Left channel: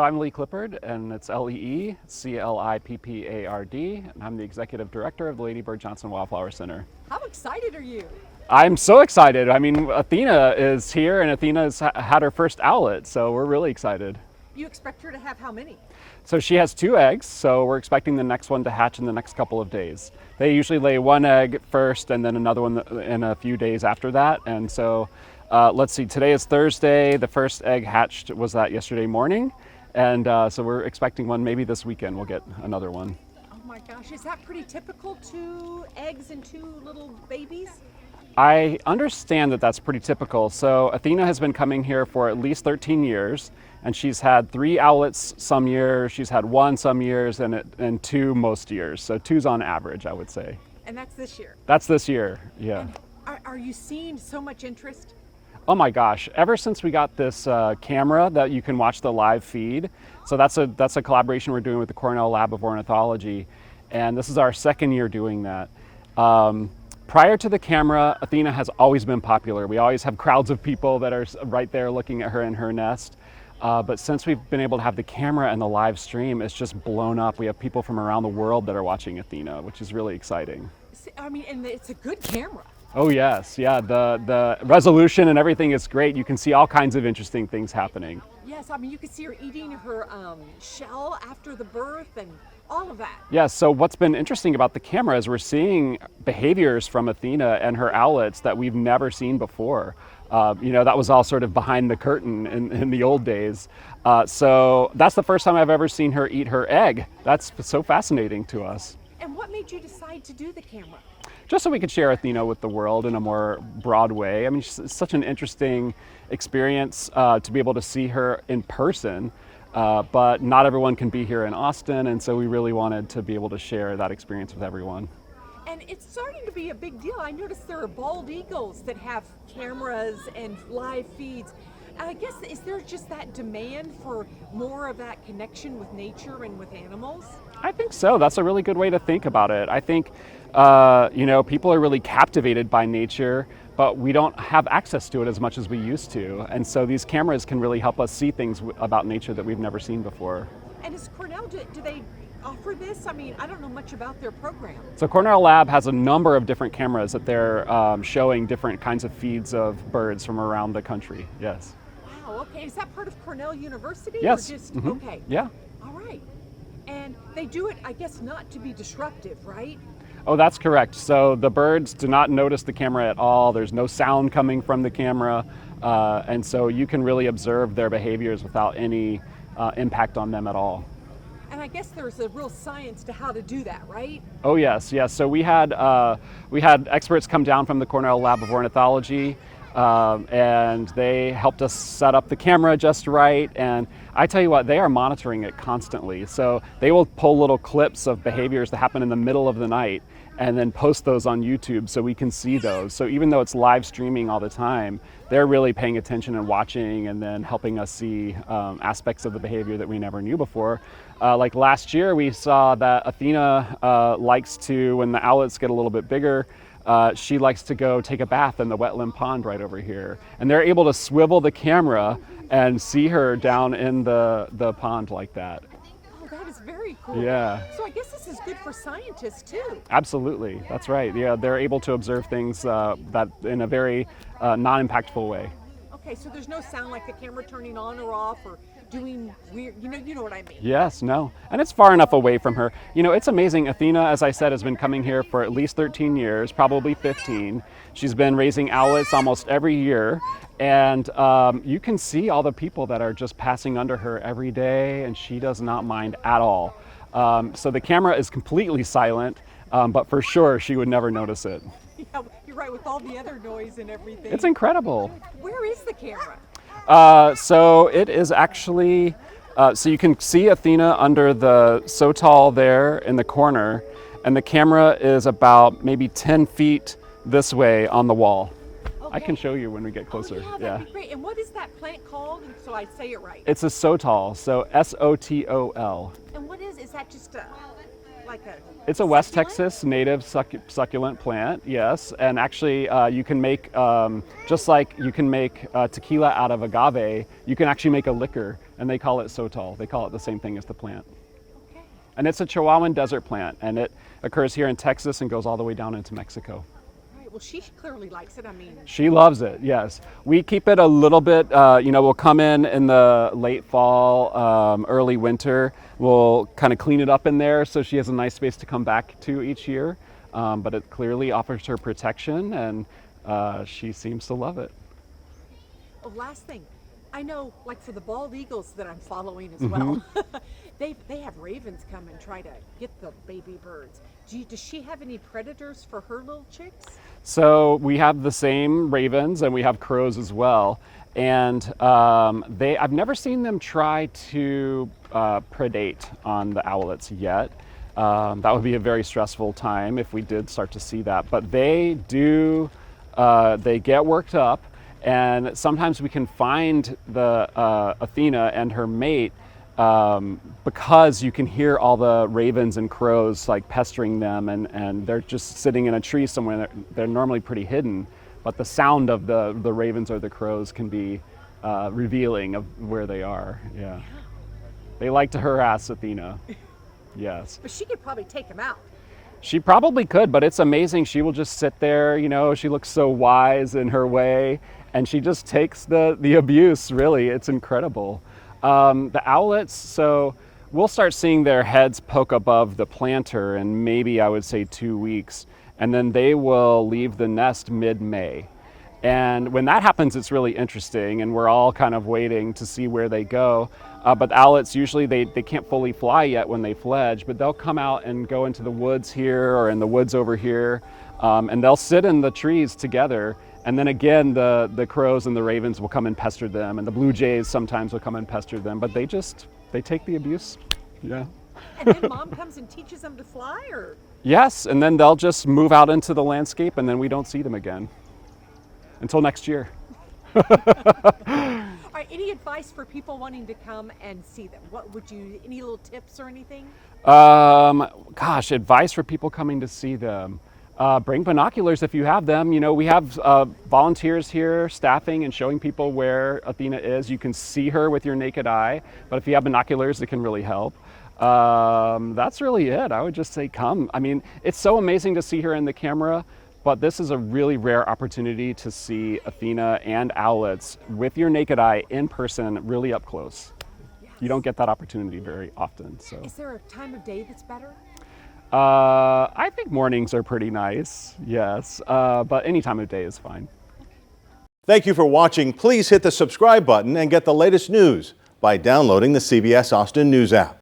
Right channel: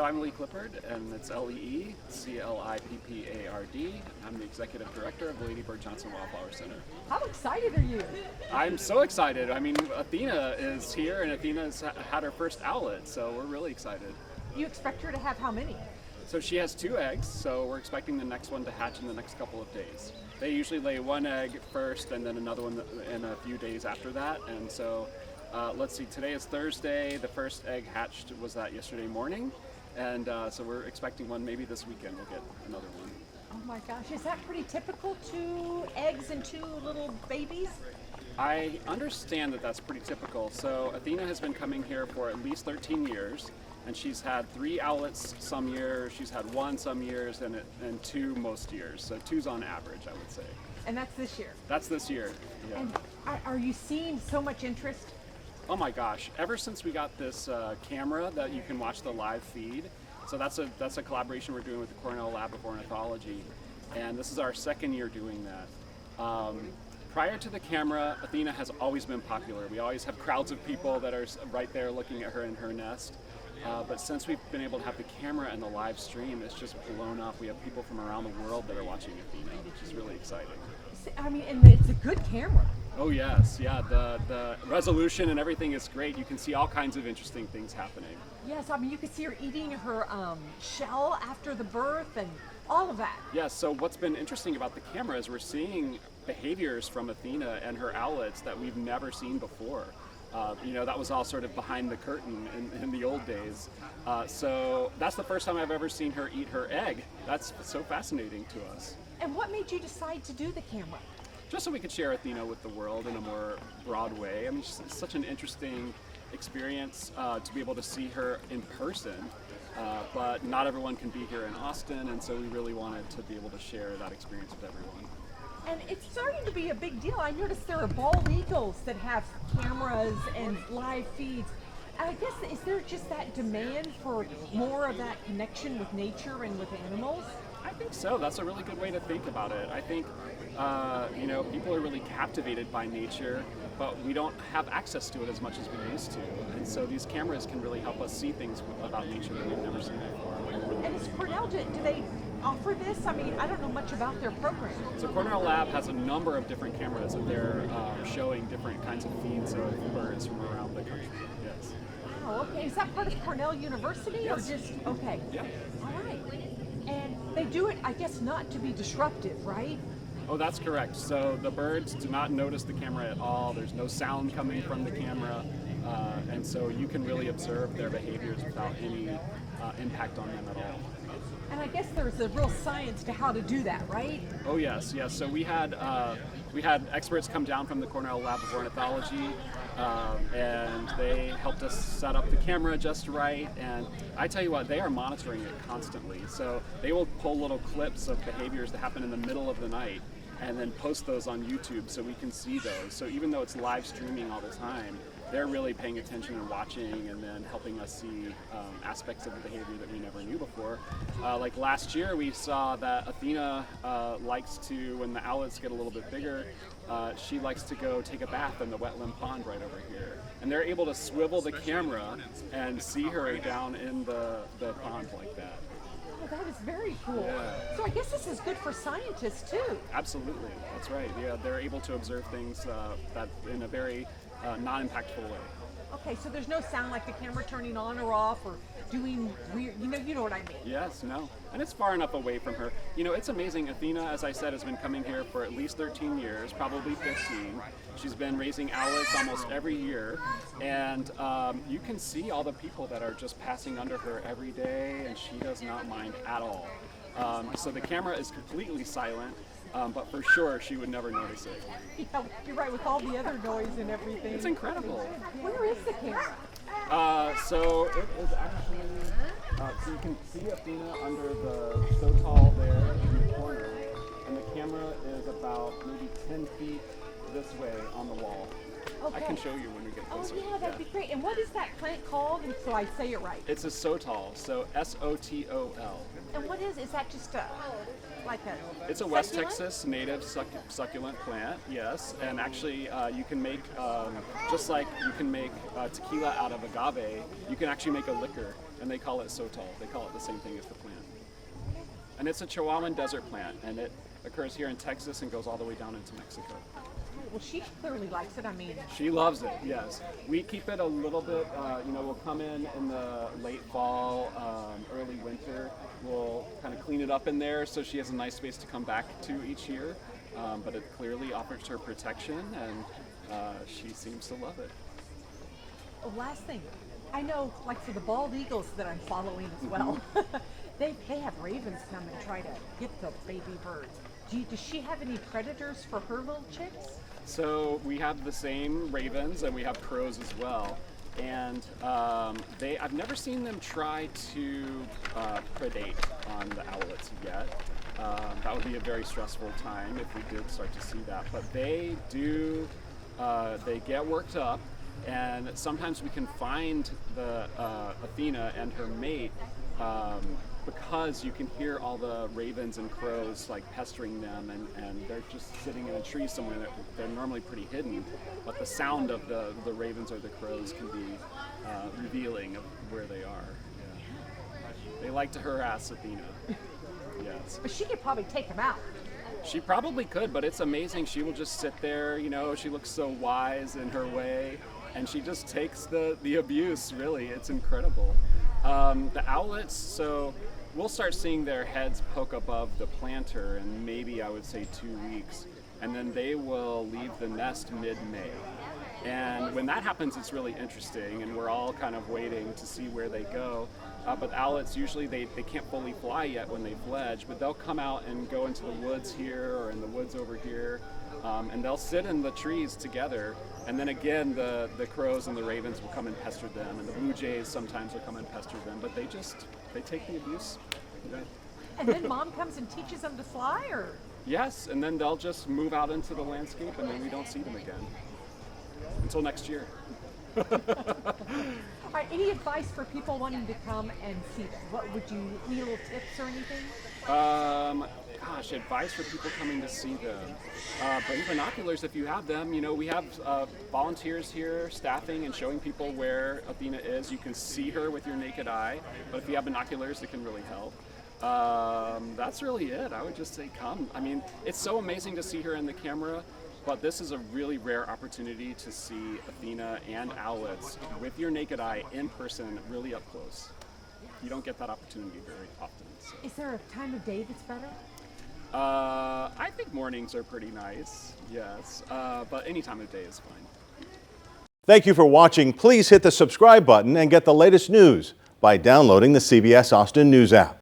I'm Lee Clippard, and it's Leeclippard, and I'm the Executive Director of the Lady Bird Johnson Wildflower Center. How excited are you? I'm so excited. I mean, Athena is here, and Athena's had her first owlet, so we're really excited. You expect her to have how many? So she has 2 eggs, so we're expecting the next one to hatch in the next couple of days. They usually lay 1 egg first, and then another one in a few days after that. And so, let's see, today is Thursday. The first egg hatched was that yesterday morning. And so we're expecting one maybe this weekend. We'll get another one. Oh my gosh, is that pretty typical? 2 eggs and 2 little babies? I understand that that's pretty typical. So Athena has been coming here for at least 13 years, and she's had 3 owlets some years, she's had 1 some years, and 2 most years. So 2's on average, I would say. And that's this year? That's this year, yeah. And are you seeing so much interest? Oh my gosh, ever since we got this camera that you can watch the live feed, so that's a collaboration we're doing with the Cornell Lab of Ornithology, and this is our 2nd year doing that. Prior to the camera, Athena has always been popular. We always have crowds of people that are right there looking at her in her nest. But since we've been able to have the camera and the live stream, it's just blown up. We have people from around the world that are watching Athena, which is really exciting. I mean, and it's a good camera. Oh yes, yeah, the resolution and everything is great. You can see all kinds of interesting things happening. Yes, I mean, you can see her eating her shell after the birth and all of that. Yes, so what's been interesting about the camera is we're seeing behaviors from Athena and her owlets that we've never seen before. That was all sort of behind the curtain in the old days. So that's the first time I've ever seen her eat her egg. That's so fascinating to us. And what made you decide to do the camera? Just so we could share Athena with the world in a more broad way. I mean, it's such an interesting experience to be able to see her in person, but not everyone can be here in Austin, and so we really wanted to be able to share that experience with everyone. And it's starting to be a big deal. I noticed there are bald eagles that have cameras and live feeds. I guess, is there just that demand for more of that connection with nature and with animals? I think so. That's a really good way to think about it. I think, people are really captivated by nature, but we don't have access to it as much as we used to. And so these cameras can really help us see things about nature that we've never seen before. And is Cornell, do they offer this? I mean, I don't know much about their program. So Cornell Lab has a number of different cameras that they're showing different kinds of feeds of birds from around the country, yes. Wow, okay. Is that part of Cornell University? Yes. Or just, Mm-hmm. Okay. Yeah. All right. And they do it, I guess, not to be disruptive, right? Oh, that's correct. So the birds do not notice the camera at all. There's no sound coming from the camera. And so you can really observe their behaviors without any impact on them at all. And I guess there's a real science to how to do that, right? Oh yes, yes. So we had experts come down from the Cornell Lab of Ornithology, and they helped us set up the camera just right. And I tell you what, they are monitoring it constantly. So they will pull little clips of behaviors that happen in the middle of the night and then post those on YouTube so we can see those. So even though it's live streaming all the time, they're really paying attention and watching and then helping us see aspects of the behavior that we never knew before. Like last year, we saw that Athena likes to, when the owlets get a little bit bigger, she likes to go take a bath in the wetland pond right over here. And they're able to swivel the camera and see her down in the pond like that. Oh, that is very cool. Yeah. So I guess this is good for scientists too. Absolutely, that's right. Yeah, they're able to observe things that in a very non-impactful way. Okay, so there's no sound like the camera turning on or off or doing weird, you know what I mean? Yes, no. And it's far enough away from her. You know, it's amazing. Athena, as I said, has been coming here for at least 13 years, probably 15. She's been raising owlets almost every year. And you can see all the people that are just passing under her every day, and she does not mind at all. So the camera is completely silent, but for sure she would never notice it. Yeah, you're right, with all the other noise and everything. It's incredible. Where is the camera? So it is actually, so you can see Athena under the sotol there in the corner, and the camera is about maybe 10 feet this way on the wall. Okay. I can show you when we get closer. Oh, Yeah. that'd be great. And what is that plant called, so I say it right? It's a sotol, so S-O-T-O-L. And what is that just like a... It's a West succulent? Texas native succulent plant, yes. And actually, you can make, just like you can make tequila out of agave, you can actually make a liquor and they call it sotol. They call it the same thing as the plant. And it's a Chihuahuan desert plant, and it occurs here in Texas and goes all the way down into Mexico. Well, she clearly likes it. I mean, She loves it, yes. We keep it a little bit, we'll come in the late fall, early winter. We'll kind of clean it up in there so she has a nice space to come back to each year. But it clearly offers her protection, and she seems to love it. oh, last thing, I know, like for the bald eagles that I'm following as well, they have ravens come and try to get the baby birds. Does she have any predators for her little chicks? So we have the same ravens, and we have crows as well. And I've never seen them try to predate on the owlets yet. That would be a very stressful time if we did start to see that. But they do, they get worked up, and sometimes we can find the Athena and her mate because you can hear all the ravens and crows like pestering them, and they're just sitting in a tree somewhere. They're normally pretty hidden, but the sound of the ravens or the crows can be revealing of where they are. Yeah, they like to harass Athena. Yes. But she could probably take them out. She probably could, but it's amazing. She will just sit there, she looks so wise in her way, and she just takes the abuse, really. It's incredible. The owlets, so we'll start seeing their heads poke above the planter in maybe, I would say, 2 weeks, and then they will leave the nest mid-May. And when that happens, it's really interesting, and we're all kind of waiting to see where they go. But the owlets, usually they can't fully fly yet when they fledge, but they'll come out and go into the woods here or in the woods over here, and they'll sit in the trees together. And then again, the crows and the ravens will come and pester them, and the blue jays sometimes will come and pester them, but they take the abuse. Yeah. And then mom comes and teaches them to fly, or? Yes, and then they'll just move out into the landscape, and then we don't see them again until next year. All right, any advice for people wanting to come and see them? What would you, any little tips or anything? Gosh, advice for people coming to see them. Bring binoculars if you have them. We have volunteers here staffing and showing people where Athena is. You can see her with your naked eye, but if you have binoculars, it can really help. That's really it. I would just say come. I mean, it's so amazing to see her in the camera, but this is a really rare opportunity to see Athena and owlets with your naked eye in person, really up close. You don't get that opportunity very often. So. Is there a time of day that's better? I think mornings are pretty nice, yes, but any time of day is fine. Thank you for watching. Please hit the subscribe button and get the latest news by downloading the CBS Austin News app.